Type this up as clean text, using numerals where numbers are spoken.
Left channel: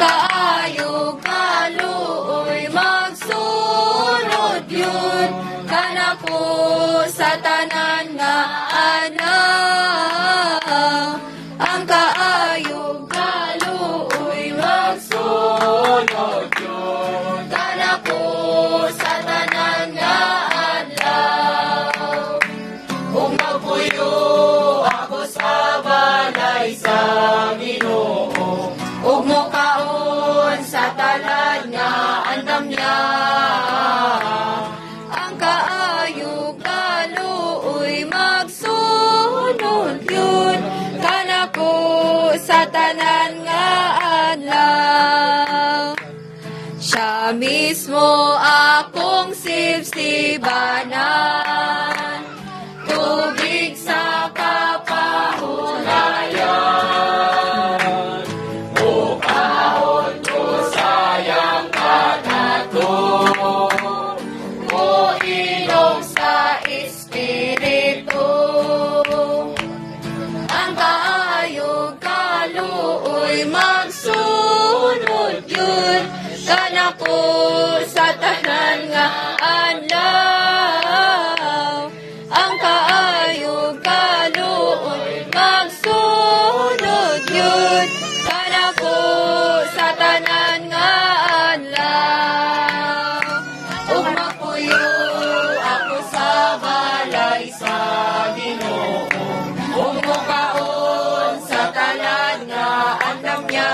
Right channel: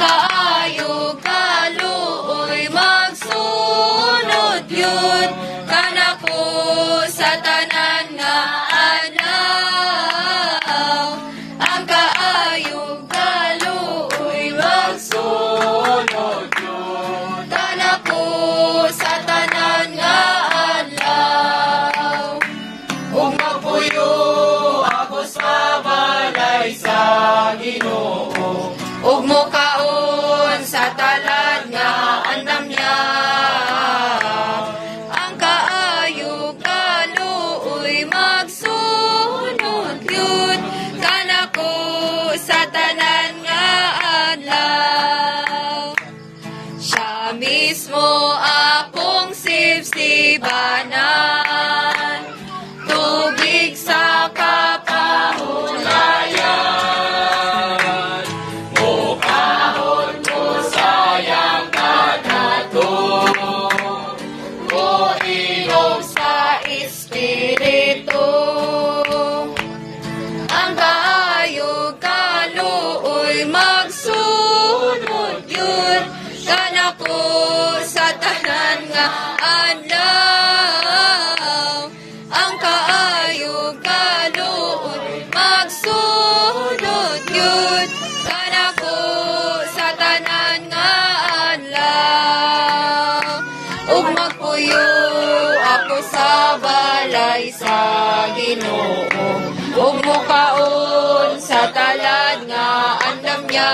kaayog kaluoy magsunod yun kanako sa tanan nga adlaw. Ang kaayog kaluoy magsunod yun kanako sa tanan nga adlaw. Ug mapuyo ako sa balay sa Ginoo, ug mokaon sa talad nga andam niya. Ang kaayog kaluoy magsunod yun kanako sa tanan nga adlaw. Siya mismo akong sibsibanan, tubig sa kapahunayan. Bukahon ko sayang kanato, o inom sa Espiritu. Ang kaayog kaluoy magsunod yun kanako sa tanan nga adlaw. Ang kaayog kaluoy magsunod yun kanako sa tanan nga adlaw. Ug magpuyo ako sa balay sa Ginoo, ug mokaon sa talad nga andam niya.